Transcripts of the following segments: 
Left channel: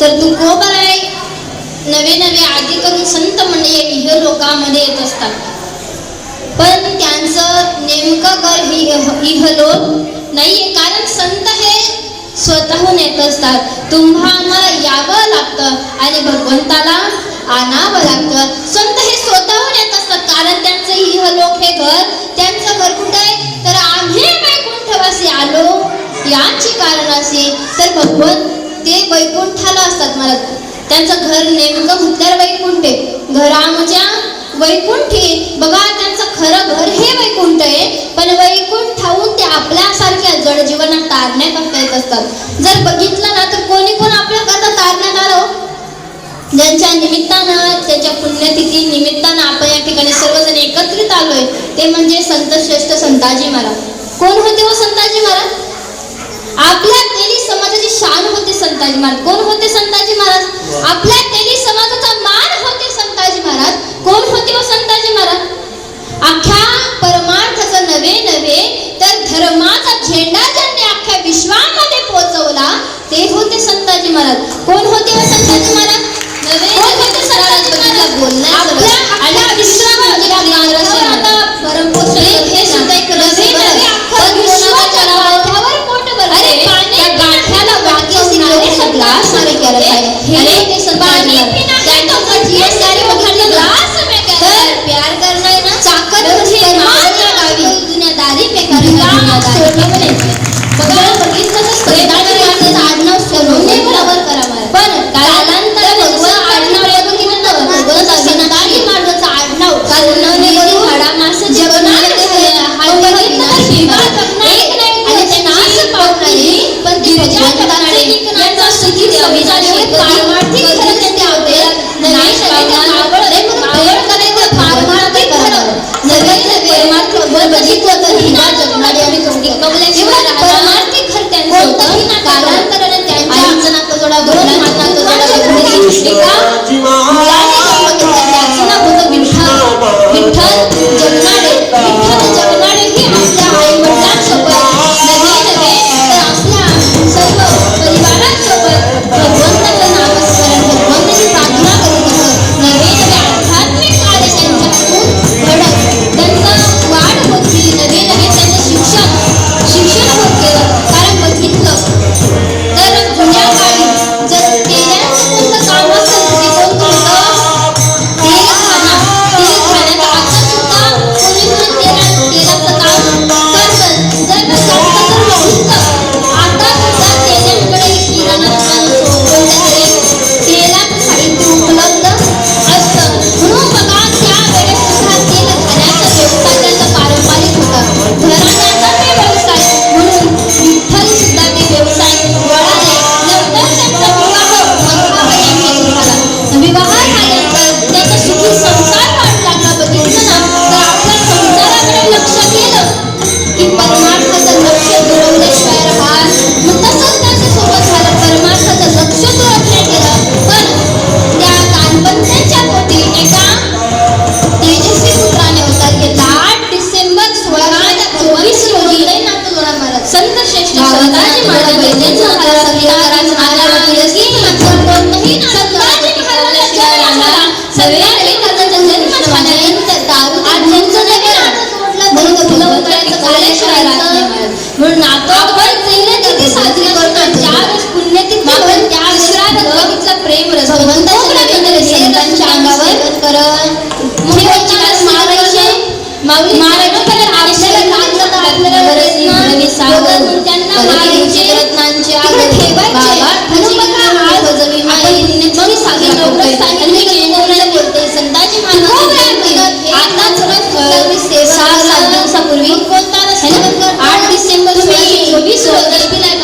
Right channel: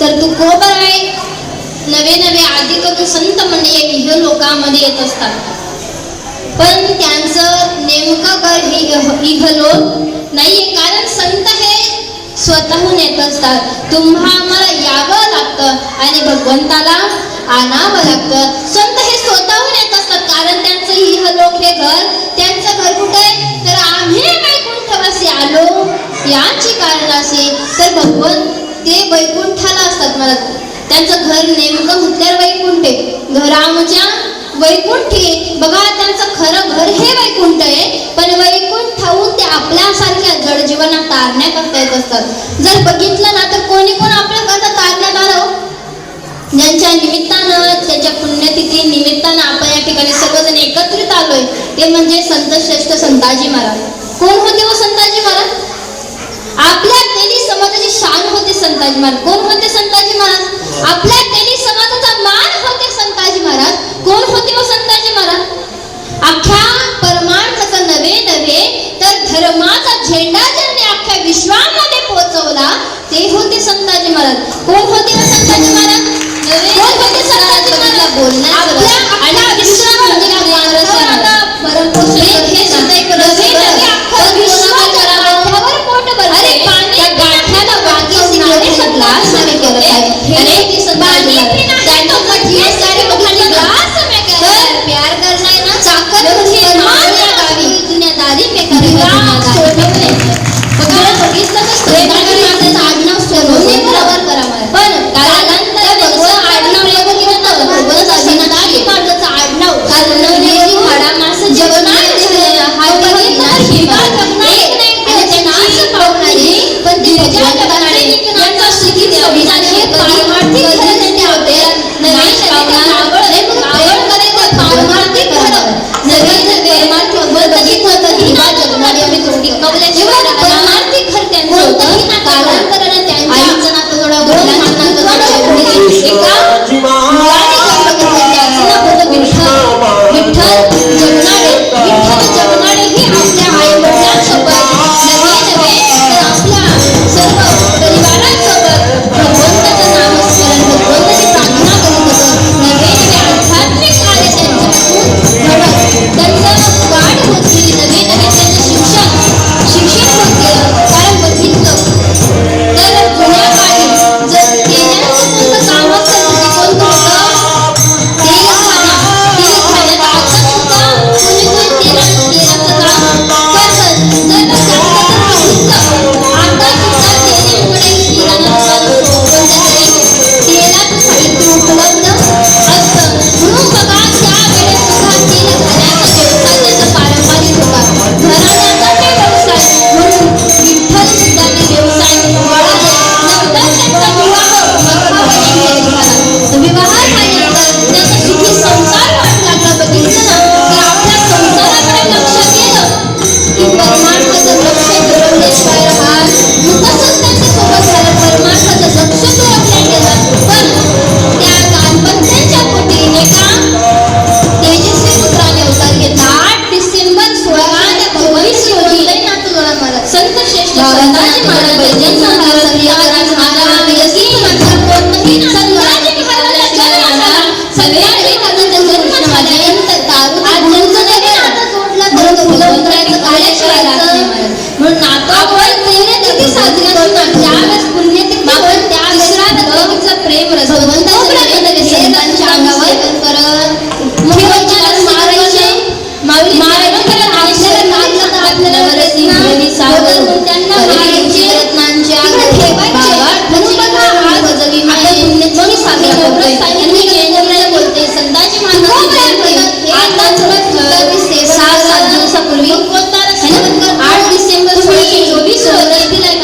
तर तू कोबर आहे. नवे नवे आदि करून संत म्हणजे इह लोकांमध्ये येत असतात, पण त्यांचं नेमकं घर इहलोक नाहीये. कारण संत हे स्वतःहून येत असतात. तुम्हाला यावं लागतं आणि भगवंताला आणावं लागतं. संत हे स्वतःहून येत असतात, कारण त्यांचं इहलोक हे घर, त्यांचं घर कुठे आहे तर आम्ही वैकुंठवासी आलो याची कारण असे. तर भगवंत ते वैकुंठाला असतात. मला त्यांचं घर नेमकं म्हटल्यावर वैकुंठ आहे. घरामच्या वैकुंठी बघा, त्यांचं खरं घर हे वैकुंठ आहे, पण वैकुंठाहून ते आपल्यासारख्या जड जीवनात तारण्याकरता येत असतात. जर बघितलं ना तर कोणी पण आपल्याकरता तारण्यात आलं, ज्यांच्या निमित्तानं, त्याच्या पुण्यतिथी निमित्तानं आपण या ठिकाणी सर्वजण एकत्रित आलोय, ते म्हणजे संत श्रेष्ठ संताजी महाराज. कोण होते व संताजी महाराज? आपल्या तेली समाजाची शान होते संताजी महाराज. कोण होते संताजी महाराज? आपल्या तेली समाजाचा मान होते संताजी महाराज. कोण होते व संताजी महाराज? अख्ख्या परमार्थाचा नवे नवे तर धर्माचा झेंडा ज्यांनी अख्ख्या विश्वामध्ये पोहोचवला ते होते संताजी महाराज. कोण होते व संताजी महाराज? नवे होते संताजी महाराज. बोलण्याचा आणि विश्वामध्ये परमपुरुष हे सुद्धा एक नवे नवे अख्ख्या विश्वाच्या गाठ्यावर पोट भरते. त्या गाठ्याला वाकी सिंहाने ग्लास हवे करत आहे. हे ते संताजी महाराज. हे सारे बघाने ग्लास में कर प्यार करना है ना, चाकर मुझे माया गावी दुनियादारी पे करेगा सोडणे बघा. बघितलं संताजी महाराजांचं आडनाव सर्वत्र करा मला. पण त्यानंतर त्यांचं आडनाव या बघितलं ना, संताजी महाराजांचं आडनाव कर्णवेदी हाडा मास जेवणाने झालेला हा बघितला शिवा एक नाही आणि ते नाश पावणारी पण दिवजा जगणारे यांचा स्थिती अभिजानी पारमार्थी करण्याचे होते. नाही पावणार आवडले आवड करायचं पारमार्थी करावं. नवीन परमार्थ बघितलं तर दिवा जगणारे आणि थोडी कवल्याची परमार्थी घर त्यांचं होतं. कारण कारण त्यांच्या आईचं नातं जोडा दोन नातं जोडा एका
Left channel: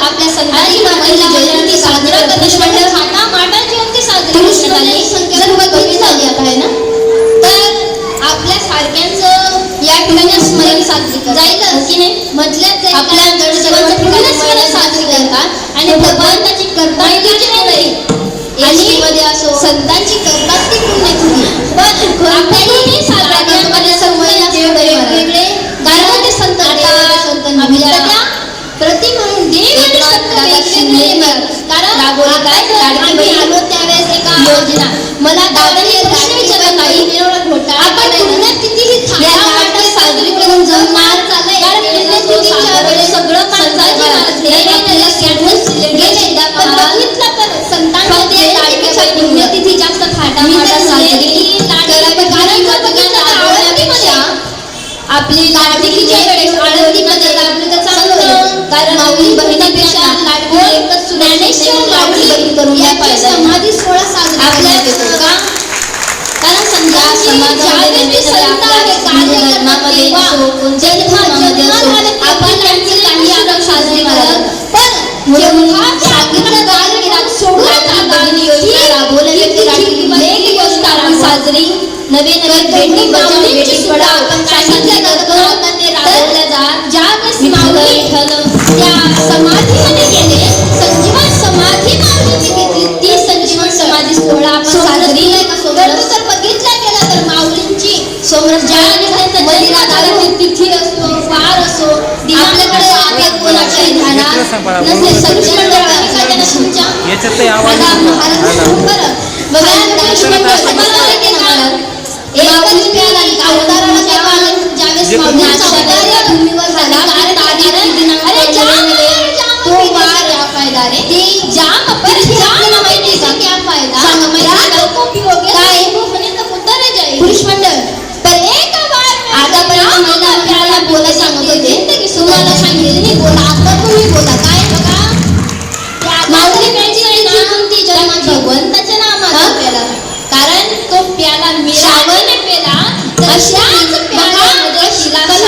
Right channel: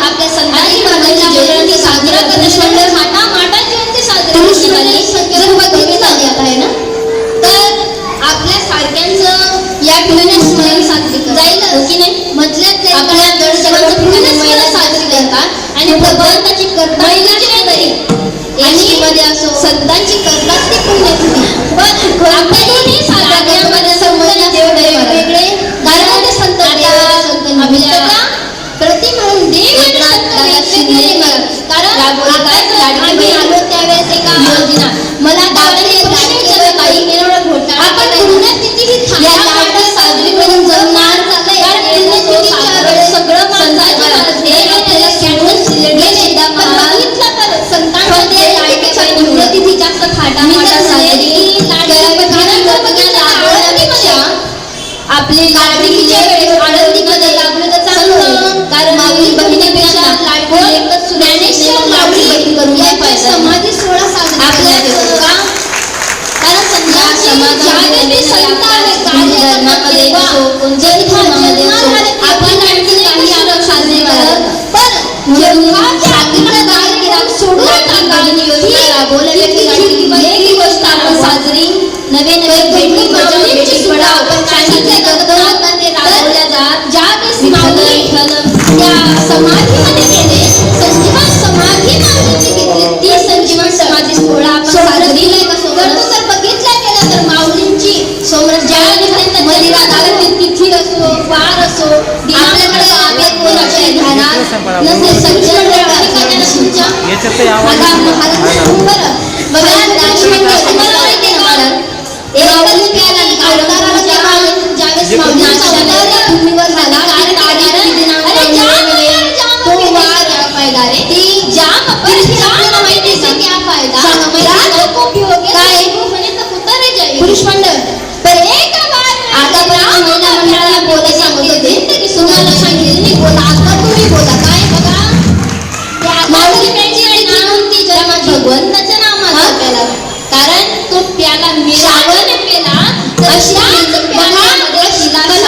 आपल्या संताजी महाराजांची जयंती साजरी स्मरण साजरी करतात हो की नाही आपल्या गणेशोत्सवाचं पूर्ण महिला साजरी करतात आणि भगवंताची आणि मध्ये असो संतांची करतात ती पुण्यभूमी पण आपल्याही साजऱ्यामध्ये संबंधाचे वेगवेगळे कारण ते संत प्रति म्हणून देव कारण आलो त्यावेळेस एका योजना मला दादाने प्रश्न विचारला नाही एवढा घोटा आपण पुण्यात कितीही साजरी करून जगणार चाललंय सगळं पुण्यतिथी जास्त आपली लाडकीच्या वेळेस आनंदीमध्ये लागलं तर चांगलं कारण माऊली बहिणीपेक्षा लाडकी एकच ज्ञानेश्वर लाडकी बहीण करून पाहिजे समाधी सोहळा साजरा आपल्या का कारण समाजामध्ये संत आहे धर्मामध्ये असो कोणत्याही धर्मामध्ये असो आपण आणखी काही आनंद साजरे करत पण जेव्हा सांगितलं जाईल की राग सोडून बहिणी योजना राबवलेली वेगळी गोष्ट आपण साजरी नवे भेटी बचाव भेटी सोडाव आपण सांगितलं जातं ते राबवल्या जात ज्यावेळेस त्या समाधीमध्ये गेले संजीवन समाधी माऊलीची घेतली ती संजीवन समाधी सोहळा आपण साजरी करतो तर बघितलं गेलं तर माऊलींची समोर ज्यावेळेस त्यांचा मदिरा झाला ती तिथी असो वार असो आपल्याकडे कोणाचे धारा नसे संजीवन याच्यात आवाज भगवंताच्या नामानं प्याला कारण तो प्याला मिळाला नाही प्याला तशाच प्याल्यामध्ये शिला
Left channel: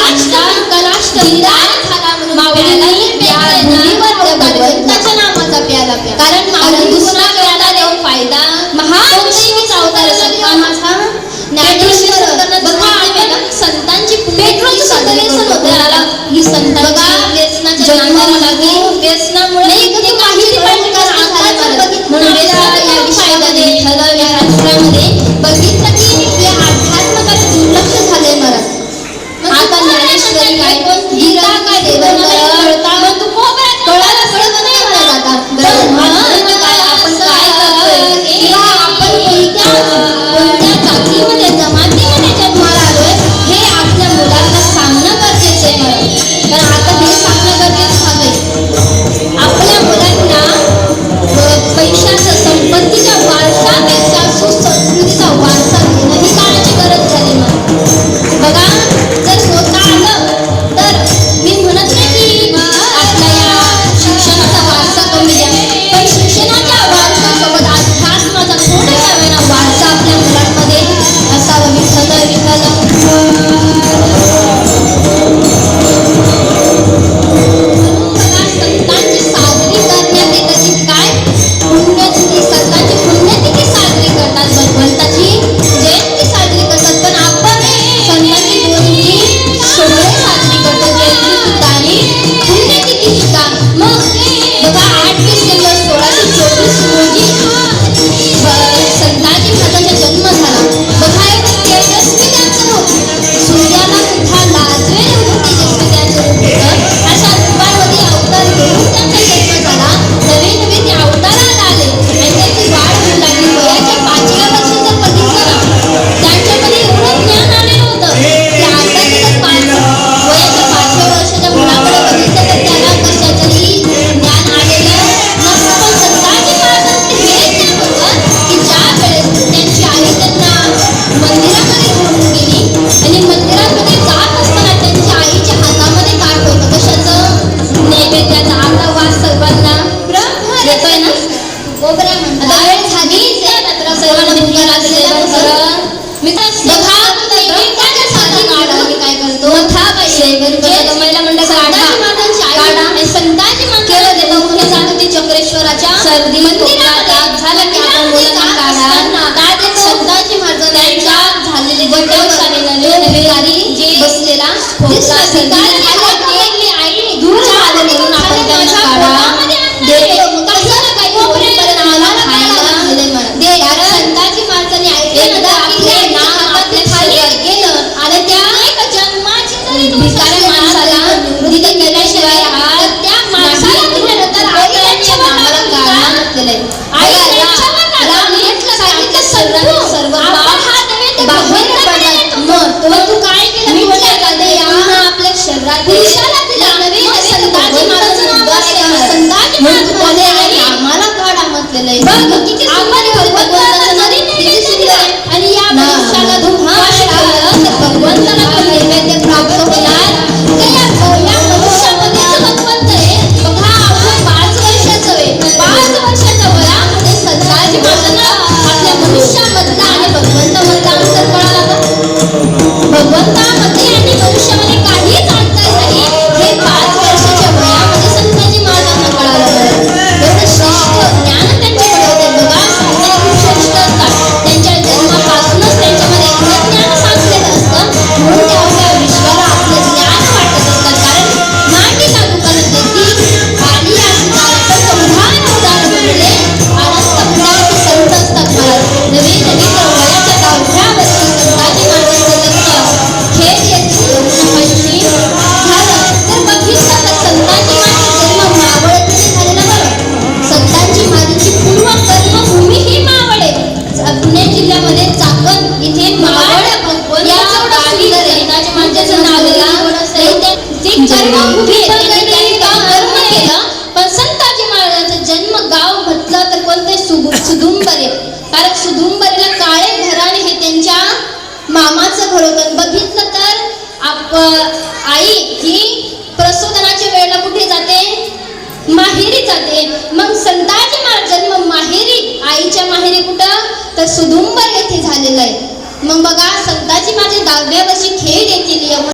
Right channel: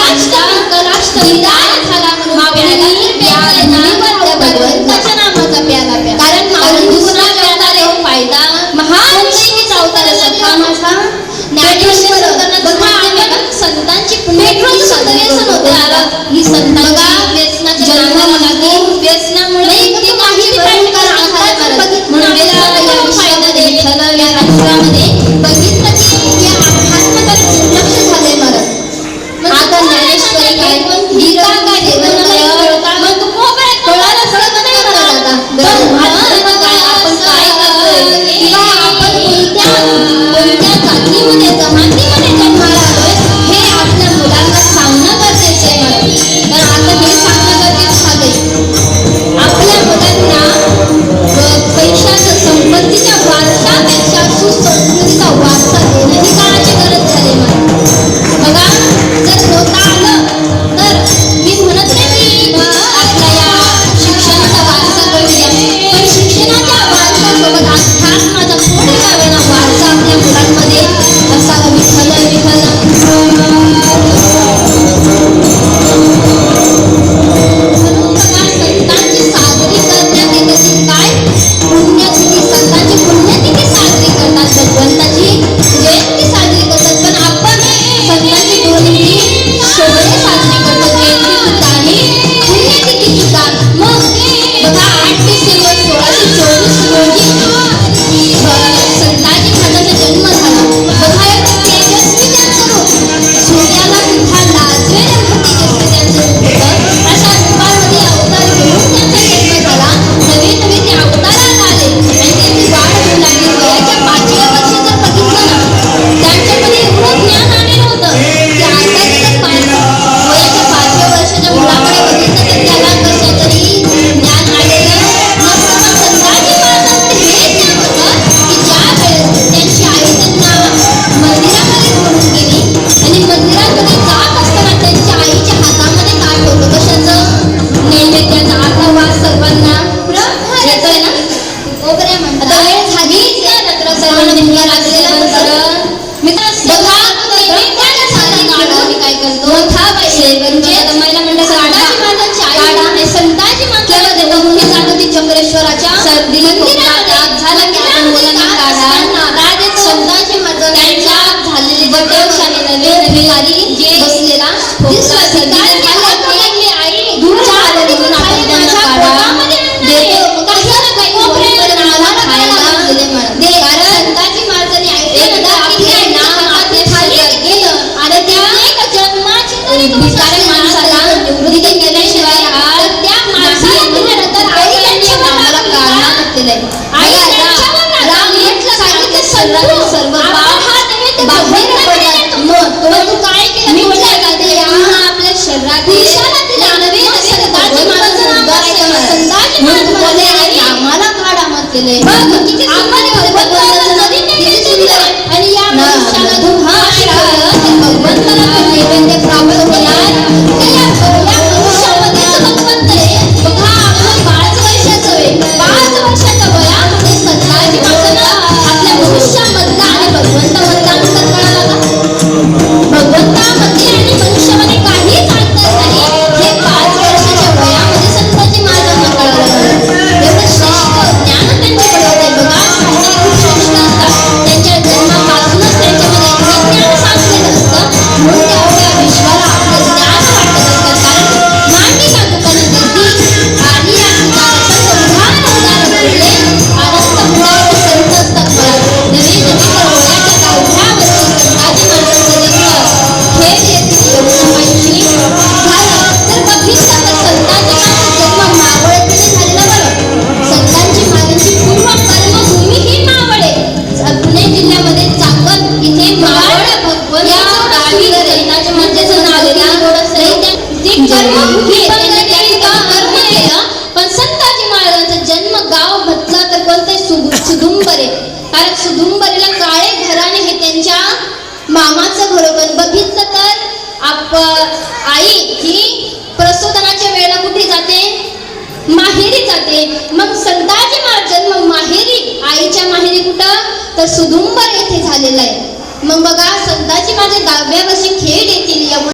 सुदुंबरीला काळे घराणे हे त्यांच्या मामाचं घर होतं. बघितलं तर आई ही प्रसूतनाच्या वेळेला कुठे जाते? माहेरी जाते. मग संताजी महाराज जन्म माहेरी, आईच्या माहेरी कुठं? तर सुदुंबर येथे झालेला आहे. मग बघा संताजी माझे 10व्या वर्षी खेड येथील